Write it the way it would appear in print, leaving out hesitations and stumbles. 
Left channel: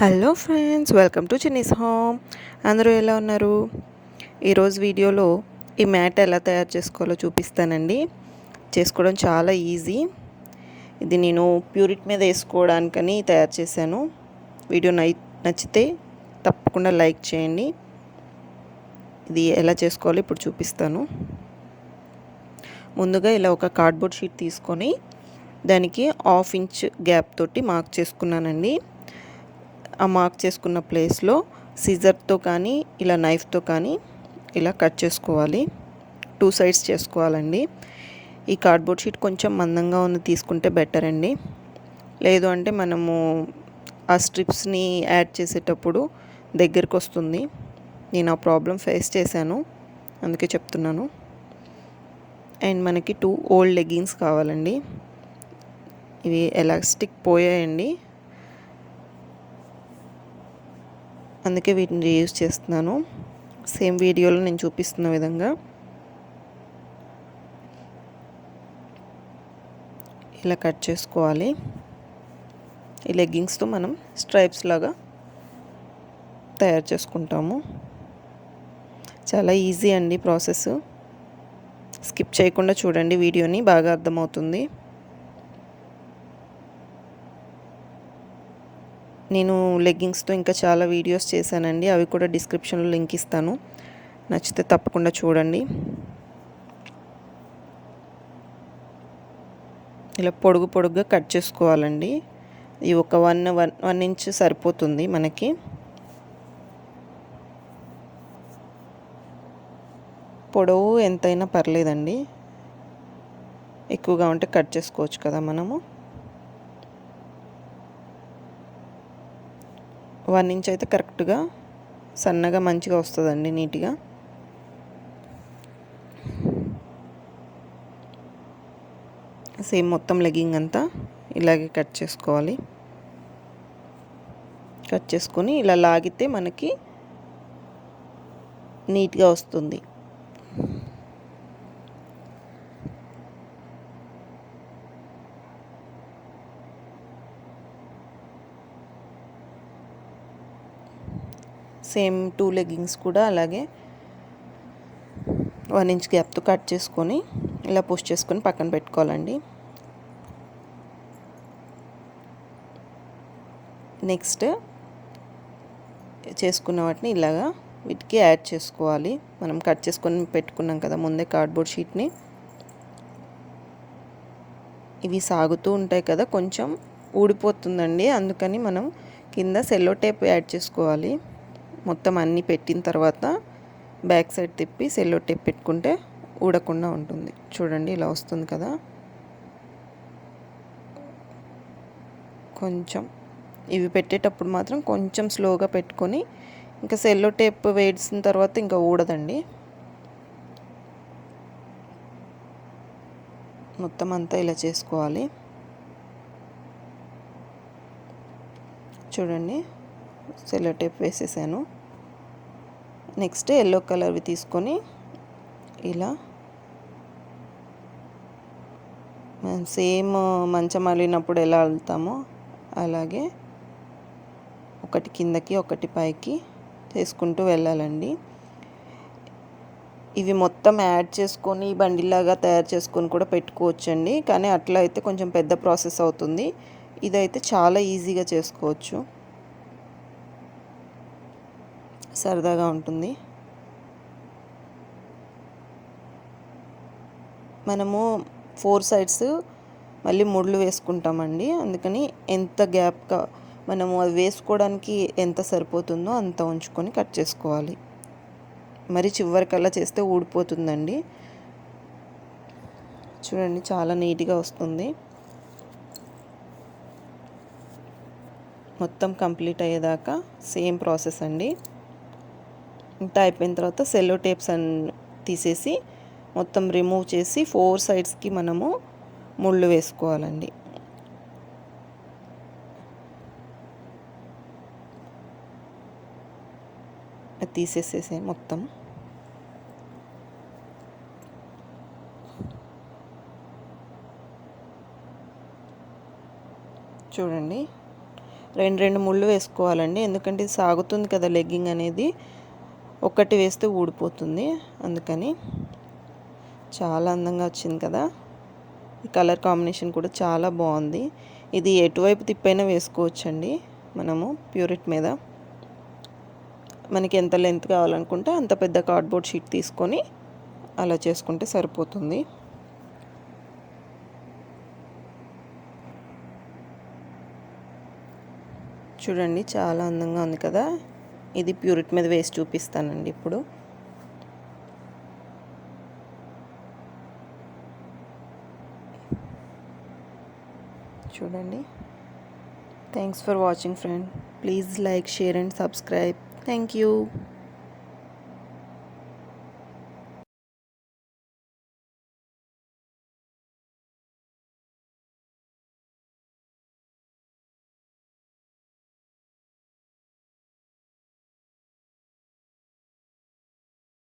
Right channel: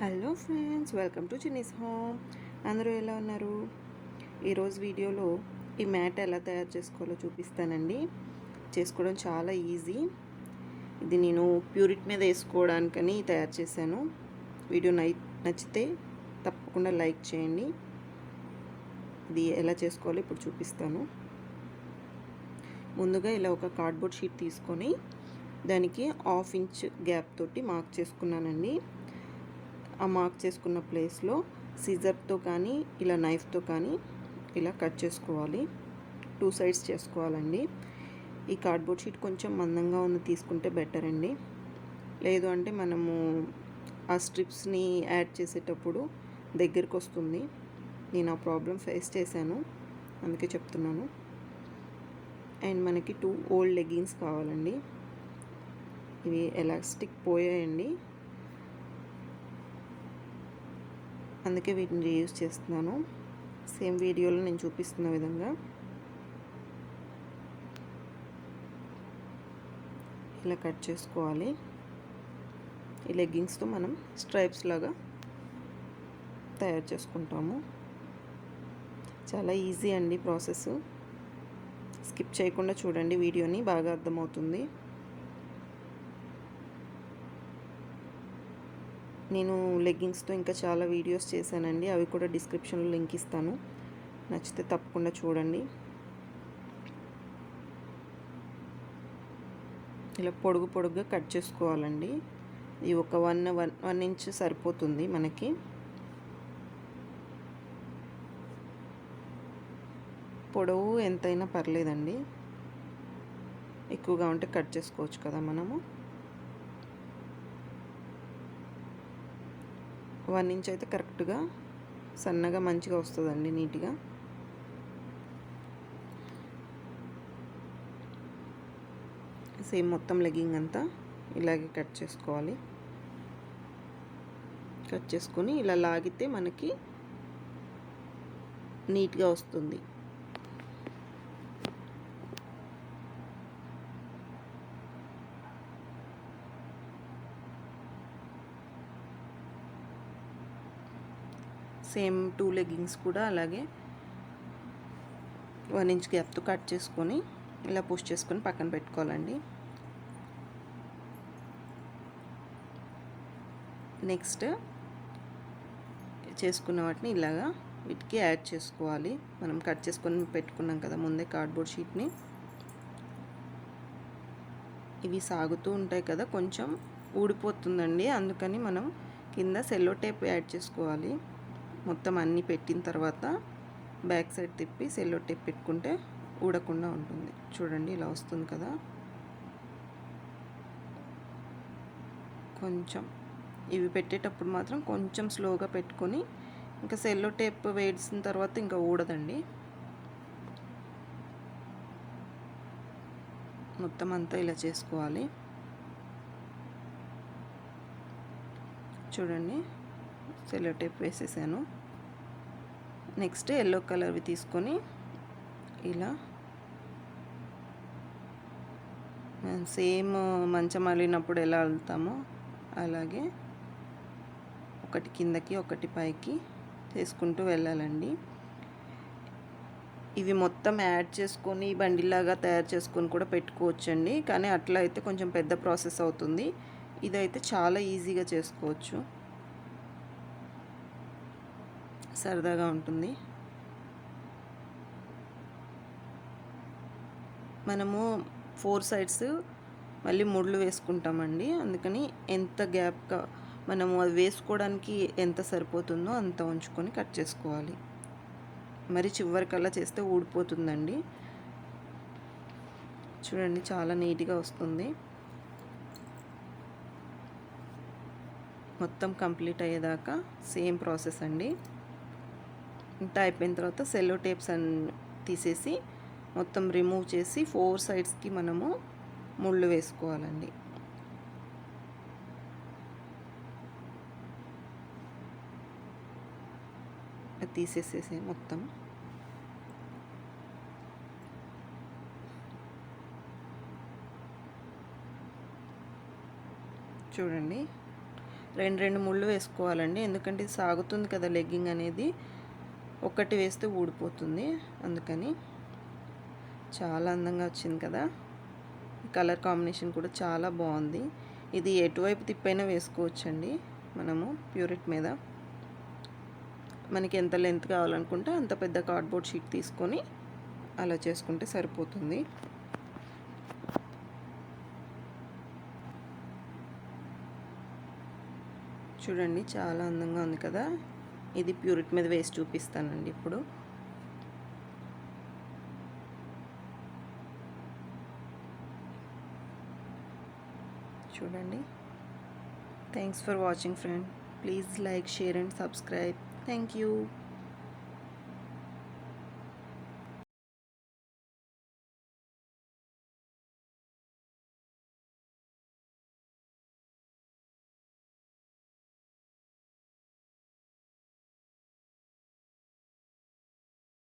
Hello friends, welcome to Chinni's home. అందరూ ఎలా ఉన్నారు? ఈరోజు వీడియోలో ఈ మ్యాట్ ఎలా తయారు చేసుకోవాలో చూపిస్తానండి. చేసుకోవడం చాలా ఈజీ. ఇది నేను ప్యూరిట్ మీద వేసుకోవడానికని తయారు చేశాను. వీడియో నచ్చితే తప్పకుండా లైక్ చేయండి. ఇది ఎలా చేసుకోవాలో ఇప్పుడు చూపిస్తాను. ముందుగా ఇలా ఒక కార్డ్బోర్డ్ షీట్ తీసుకొని దానికి 1/2 ఇంచ్ గ్యాప్ తోటి మార్క్ చేసుకున్నానండి. ఆ మార్క్ చేసుకున్న ప్లేస్లో సిజర్తో కానీ ఇలా నైఫ్తో కానీ ఇలా కట్ చేసుకోవాలి. 2 సైడ్స్ చేసుకోవాలండి. ఈ కార్డ్బోర్డ్ షీట్ కొంచెం మందంగా ఉంది తీసుకుంటే బెటర్ అండి. లేదు అంటే మనము ఆ స్ట్రిప్స్ని యాడ్ చేసేటప్పుడు దగ్గరికి వస్తుంది. నేను ఆ ప్రాబ్లం ఫేస్ చేశాను, అందుకే చెప్తున్నాను. అండ్ మనకి 2 ఓల్డ్ లెగ్గింగ్స్ కావాలండి. ఇవి ఎలాస్టిక్ పోయాయండి, అందుకే వీటిని రీయూజ్ చేస్తున్నాను. సేమ్ వీడియోలో నేను చూపిస్తున్న విధంగా ఇలా కట్ చేసుకోవాలి. ఈ లెగ్గింగ్స్తో మనం స్ట్రైప్స్ లాగా తయారు చేసుకుంటాము. చాలా ఈజీ అండి ప్రాసెస్. స్కిప్ చేయకుండా చూడండి వీడియోని, బాగా అర్థమవుతుంది. నేను లెగ్గింగ్స్తో ఇంకా చాలా వీడియోస్ చేశానండి, అవి కూడా డిస్క్రిప్షన్లో లింక్ ఇస్తాను. నచ్చితే తప్పకుండా చూడండి. ఇలా పొడుగుగా కట్ చేసుకోవాలండి. ఇది ఒక వన్ ఇంచ్ సరిపోతుంది మనకి. పొడవు ఎంతైనా పర్లేదండి, ఎక్కువగా ఉంటే కట్ చేసుకోవచ్చు కదా మనము. 1 ఇంచ్ అయితే కరెక్ట్గా సన్నగా మంచిగా వస్తుందండి, నీట్గా. సేమ్ మొత్తం లెగ్గింగ్ అంతా ఇలాగే కట్ చేసుకోవాలి. కట్ చేసుకొని ఇలా లాగితే మనకి నీట్గా వస్తుంది. సేమ్ 2 లెగ్గింగ్స్ కూడా అలాగే 1 ఇంచ్ గ్యాప్తో కట్ చేసుకొని ఇలా పుష్ చేసుకొని పక్కన పెట్టుకోవాలండి. నెక్స్ట్ చేసుకున్న వాటిని ఇలాగా వీటికి యాడ్ చేసుకోవాలి. మనం కట్ చేసుకొని పెట్టుకున్నాం కదా ముందే కార్డ్బోర్డ్ షీట్ని. ఇవి సాగుతూ ఉంటాయి కదా, కొంచెం ఊడిపోతుందండి, అందుకని మనం కింద సెల్లో టేప్ యాడ్ చేసుకోవాలి. మొత్తం అన్నీ పెట్టిన తర్వాత బ్యాక్ సైడ్ తిప్పి సెల్లో టేప్ పెట్టుకుంటే ఊడకుండా ఉంటుంది. చూడండి ఇలా వస్తుంది కదా. కొంచెం ఇవి పెట్టేటప్పుడు మాత్రం కొంచెం స్లోగా పెట్టుకొని, ఇంకా సెల్లో టేప్ వేసిన తర్వాత ఇంకా ఊడదండి. మొత్తం అంతా ఇలా చేసుకోవాలి. చూడండి సెల్లో టేప్ వేసేసాను. నెక్స్ట్ ఎల్లో కలర్వి తీసుకొని ఇలా సేమ్ మంచం అల్లినప్పుడు ఎలా అల్లుతామో అలాగే ఒకటి కిందకి ఒకటి పైకి చేసుకుంటూ వెళ్ళాలండి. ఇవి మొత్తం యాడ్ చేసుకొని బండిలాగా తయారు చేసుకొని కూడా పెట్టుకోవచ్చండి, కానీ అట్లా అయితే కొంచెం పెద్ద ప్రాసెస్ అవుతుంది. ఇదైతే చాలా ఈజీగా చేసుకోవచ్చు, సరదాగా ఉంటుంది. మనము 4 సైడ్స్ మళ్ళీ ముళ్ళు వేసుకుంటామండి, అందుకని ఎంత గ్యాప్గా మనము అది వేసుకోవడానికి ఎంత సరిపోతుందో అంత ఉంచుకొని కట్ చేసుకోవాలి. మరి చివరికల్లా చేస్తే ఊడిపోతుందండి. చూడండి చాలా నీట్గా వస్తుంది. మొత్తం కంప్లీట్ అయ్యేదాకా సేమ్ ప్రాసెస్ అండి. ఇంత అయిపోయిన తర్వాత సెల్లో టేప్స్ తీసేసి మొత్తం రిమూవ్ చేసి 4 సైడ్స్కి మనము ముళ్ళు వేసుకోవాలండి. అది తీసేసేసే మొత్తం. చూడండి రెండు ముళ్ళు వేసుకోవాలండి, ఎందుకంటే ఇది సాగుతుంది కదా లెగ్గింగ్ అనేది. ఒక్కటి వేస్తే ఊడిపోతుంది, అందుకని. చాలా అందంగా వచ్చింది కదా. ఈ కలర్ కాంబినేషన్ కూడా చాలా బాగుంది. ఇది ఎటువైపు తిప్పైనా వేసుకోవచ్చండి మనము ప్యూరిట్ మీద. మనకి ఎంత లెంత్ కావాలనుకుంటే అంత పెద్ద కార్డ్బోర్డ్ షీట్ తీసుకొని అలా చేసుకుంటే సరిపోతుంది. చూడండి చాలా అందంగా ఉంది కదా. ఇది ప్యూరిట్ మీద వేసి చూపిస్తానండి ఇప్పుడు. చూడండి. Thanks for watching friend. Please like, share and subscribe. Thank you.